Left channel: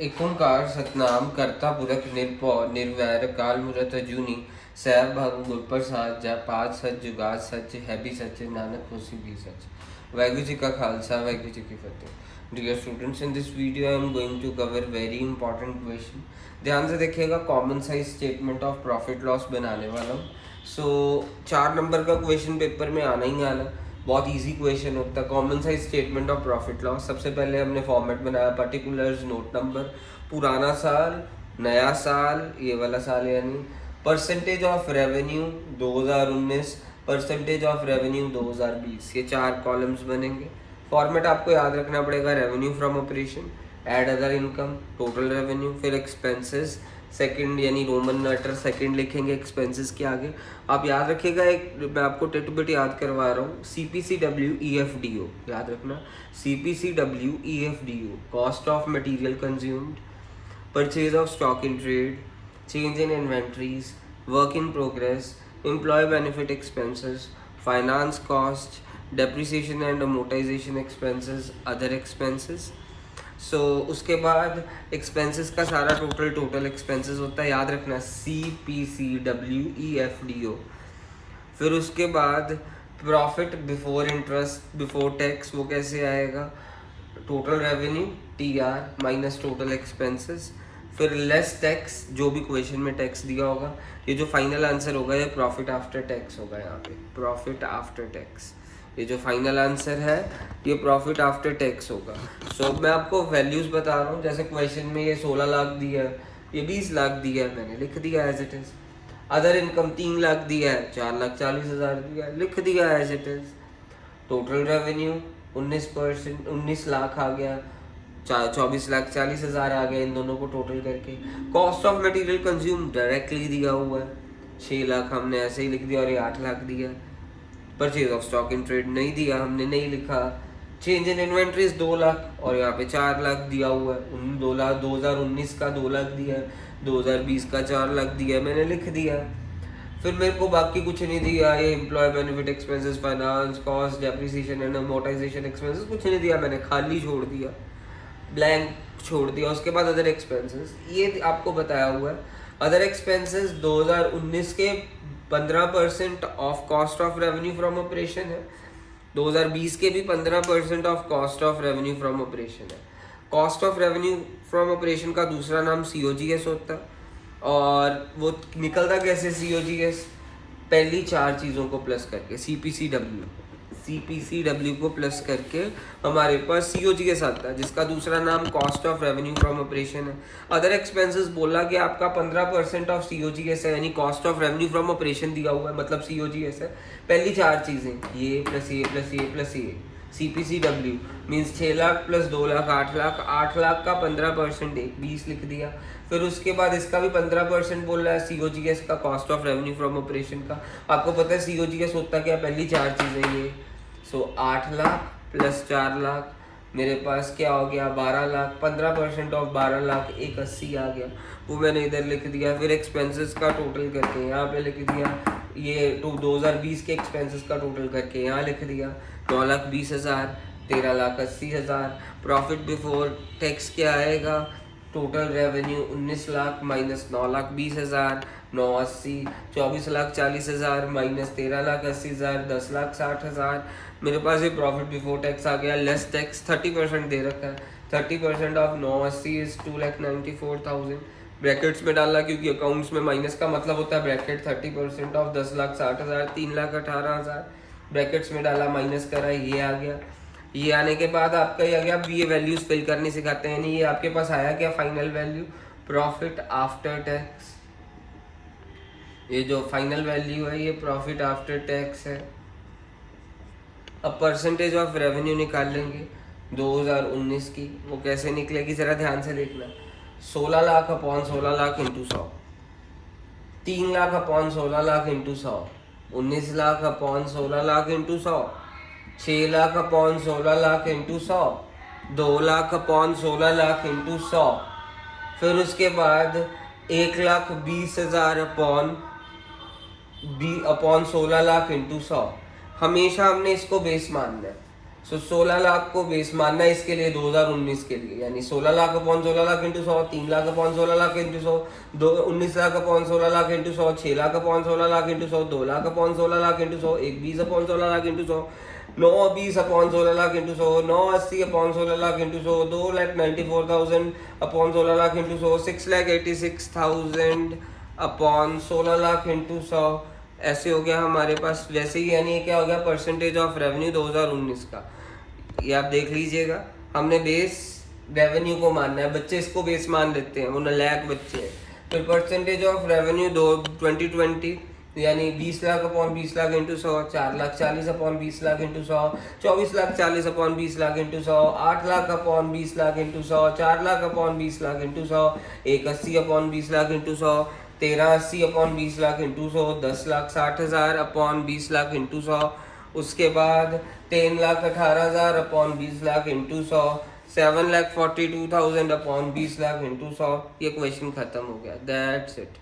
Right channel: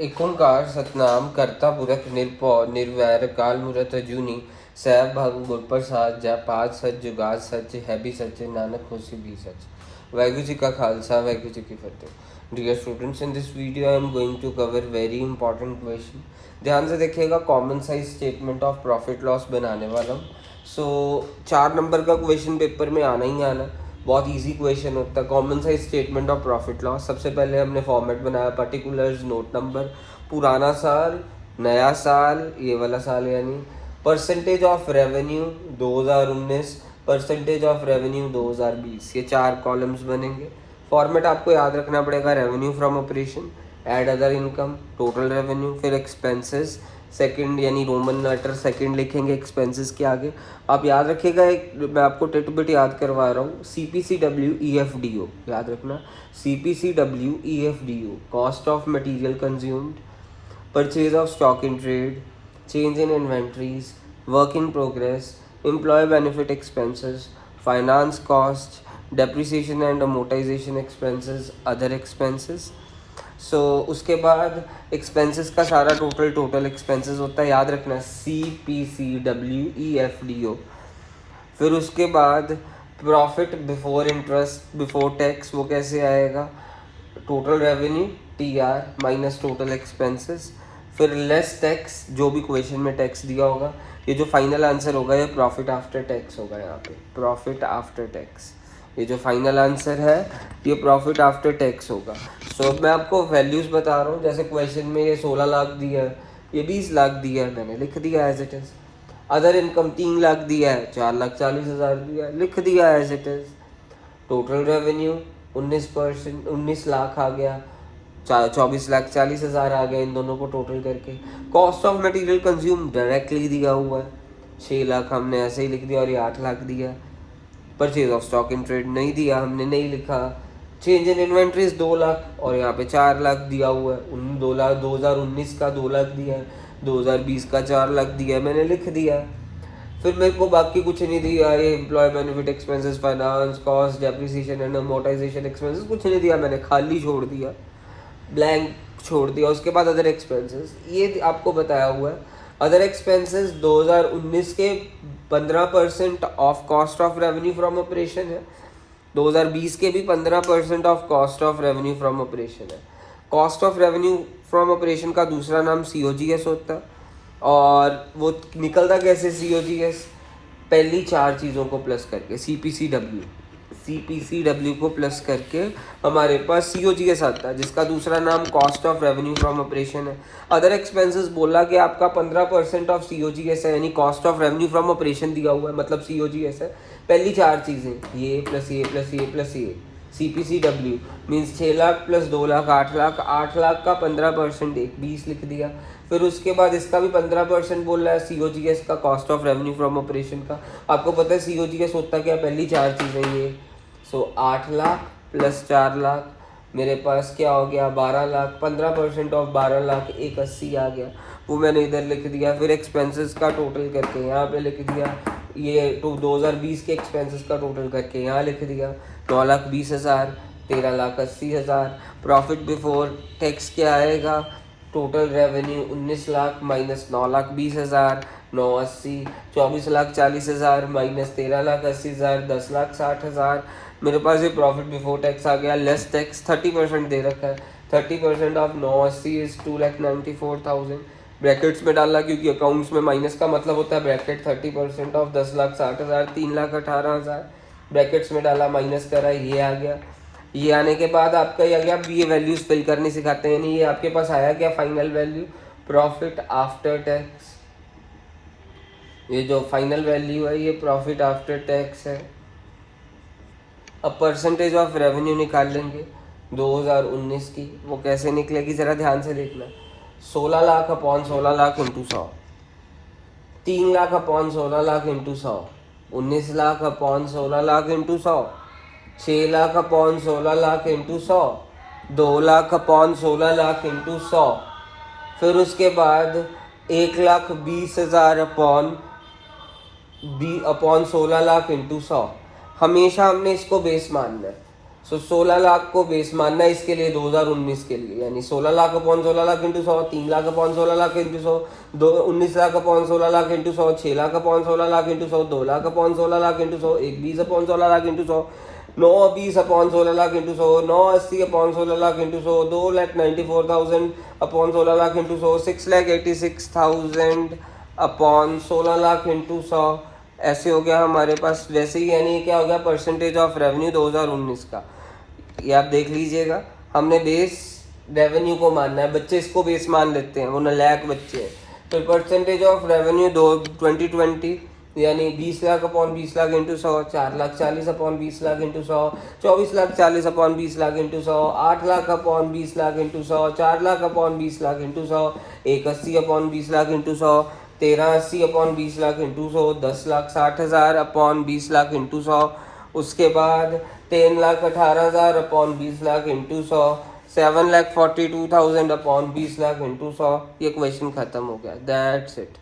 एकोंकार सतनाम कर्ता पुरख निरपौ निर्वैर काल मूरत अजूनी सैब भंग गुरप्रसाद जय पाठ सच जुगाद सच है भी सच नानक होसि भी सच। वाहिगुरु जी का खालसा वाहिगुरु जी की फतेह। Dear students, in this video I am going to cover very important question. ध्यान से देखिएगा, common size statement of profit loss बनाने वाला हूँ। सो 4 नंबर का क्वेश्चन पेपर में आना ही आना। बहुत इजी क्वेश्चन होता है, common size statement of profit loss. सबसे पहले हमने फॉर्मेट बनाया, पर्टिकुलर्स, नोट नंबर, पुराना साल, नया साल, ये वाला साल यानी percentage of revenue 2019, percentage of revenue 2020, ये 4 कॉलम्स बनेंगे। फॉर्मेट आपको याद रखना पड़ेगा, revenue from operation, add other income, total revenue, फिर एक्सपेंसेस, सेकंड यानी रोमन लेटर सेकंड लिखेंगे एक्सपेंसेस के आगे। आप याद रखिएगा, एक मैं आपको टिट बिट याद करवा रहा हूँ, CPCWEFDO याद रखना, CPCWEFDO, cost of material consumed, purchase of stock in trade, change in inventories, work in progress, employ benefit expenses, finance cost, depreciation and amortisation expenses, other expenses. So उसके बाद expenses का सारा टोटल एक्सपेंसेस होता है, याद रखना CPCWEFDO। फिर उसके बाद profit before interest before tax, वो कैसे आएगा, total revenue TR minus total expenses, फिर लेस टैक्स, जो भी क्वेश्चन में टैक्स दिया होगा। ये जो फाइनल आंसर होगा ये प्रॉफिट आफ्टर टैक्स होगा, यहाँ पे प्रॉफिट आफ्टर टैक्स। ये जो फाइनल आंसर है ये प्रॉफिट आफ्टर टैक्स होगा। सो मैं आपको वैल्यूज बता रहा हूँ, जैसे क्वेश्चन में ये 16 लाख दिया है, ये 20 लाख दिया है, मैंने लिख दिया as it is. Other income 3 lakh दिया है, 4,40,000 दिया है, लिख दिया as it is. Total revenue 19 lakh आ गया, 24,40,000 आ गया, इन दोनों को टोटल करके। Cost of material consume directly दिया हुआ है, 6 लाख हमने ऐसे ही लिख दिया, और ये 8 लाख दिया। Purchase of stock in trade नहीं दिया, हमने नहीं लिखा। चेंज इन इन्वेंट्रीज 2 लाख, और यहाँ पे 4 लाख दिया हुआ है। 2 लाख 2019 का 2 लाख दिया है, 2020 का 4 लाख दिया है, मैंने लिख दिया। फिर मेरे को बाकी कुछ नहीं दिया, ये employ benefit expenses, finance cost, depreciation and amortisation expenses कुछ नहीं दिया, मैंने खाली छोड़ दिया, ब्लैंक छोड़ दिया। उसके बाद अदर एक्सपेंसेस, ये आपको बताया हुआ है। अदर एक्सपेंसेस 2019 के 15% of cost of revenue from operation है, 2020 के भी 15% of cost of revenue from operation है। Cost of revenue from operation का दूसरा नाम COGS होता है, और वो निकलता कैसे COGS, पहली 4 चीज़ों को प्लस करके, CPCW को प्लस करके हमारे पास COGS आता है, जिसका दूसरा नाम cost of revenue from operation है। अदर एक्सपेंसेस बोला कि आपका 15% ऑफ COGS है, यानी cost of revenue from operation दिया हुआ है, मतलब COGS है। पहली 4 चीज़ें, ये प्लस ये प्लस ये प्लस ये, CPCW means 6 lakh plus 2 lakh 8 lakh, 8 lakh का 15% 20 लिख दिया। फिर उसके बाद इसका भी 15% बोल रहा है COGS का, cost of revenue from operation का। आपको पता है COGS होता क्या, पहली 4 चीज़ें ये। सो 8 लाख प्लस 4 लाख, मेरे पास क्या हो गया 12 लाख, 15% ऑफ 12 लाख 180 आ गया, वो मैंने इधर लिख दिया। फिर एक्सपेंसेस का टोटल करके यहाँ पे लिख दिया, ये 2020 के एक्सपेंसेस का टोटल करके यहाँ लिख दिया, 9,20,000, 13,80,000। प्रॉफिट बिफोर टैक्स क्या आएगा, total revenue 19 lakh minus 9,20,000, 980, 24,40,000 minus 13,80,000, 10,60,000। मेरे पास ये प्रॉफिट बिफोर टैक्स आ गया। लेस टैक्स 30% दे रखा है, 30% ऑफ 980 इज 2,94,000। ब्रैकेट्स में डालना, क्योंकि अकाउंट्स में माइनस का मतलब होता है ब्रैकेट। 30% ऑफ 10,60,000, 3,18,000, ब्रैकेट्स में डाला, माइनस करा, ये आ गया। ये आने के बाद आपका ये आ गया। अब ये वैल्यूज फिल करनी सिखाते हैं, नहीं ये आपके पास आया क्या final value, profit after tax. ये जो फाइनल वैल्यू है ये प्रॉफिट आफ्टर टैक्स है। अब परसेंटेज ऑफ रेवेन्यू निकाल लेंगे 2019 की, वो कैसे निकलेगी जरा ध्यान से देखना। 16 lakh upon 16 lakh into 100, 3 lakh upon 16 lakh into 100, 19 lakh upon 16 lakh into 100, 6 lakh upon 16 lakh into 100, 2 lakh upon 16 lakh into 100, फिर उसके बाद 1,20,000 अपॉन 16 लाख इंटू 100। हमेशा हमने इसको बेस मानना है, सो 16 लाख को बेस मानना है इसके लिए 2019 के लिए, यानी 16 lakh upon 16 lakh into 100, 3 lakh upon 16 lakh into 100, 19 lakh upon 16 lakh into 100, 6 lakh upon 16 lakh into 100, 2 lakh upon 16 lakh into 100, 1 20 upon 16 lakh into 100, 9 20 upon 16 lakh into 100, 9 80 upon 16 lakh into 100, 2,94,000 upon 16 lakh into 100, 6,86,000 upon 16 lakh into 100। ऐसे हो गया हमारे पास। वैसे ही यानी क्या हो गया परसेंटेज ऑफ रेवेन्यू 2019 का, ये आप देख लीजिएगा। हमने बेस रेवेन्यू को मानना है, बच्चे इसको बेस मान लेते हैं, वो नलायक बच्चे हैं। तो परसेंटेज ऑफ रेवेन्यू 2020 यानी 20 lakh upon 20 lakh into 100, 4 lakh 40 upon 20 lakh into 100, 24 lakh 40 upon 20 lakh into 100, 8 lakh upon 20 lakh into 100, 4 lakh upon 20 lakh into 100, 180 upon 20 lakh into 100, 1380 upon 20 lakh into 100, 10,60,000 upon 20 lakh into 100, उसके बाद 3,18,000 upon 20 lakh into 100, 7,42,000 upon 20 lakh into 100। ये क्वेश्चन खत्म हो गया। That's it.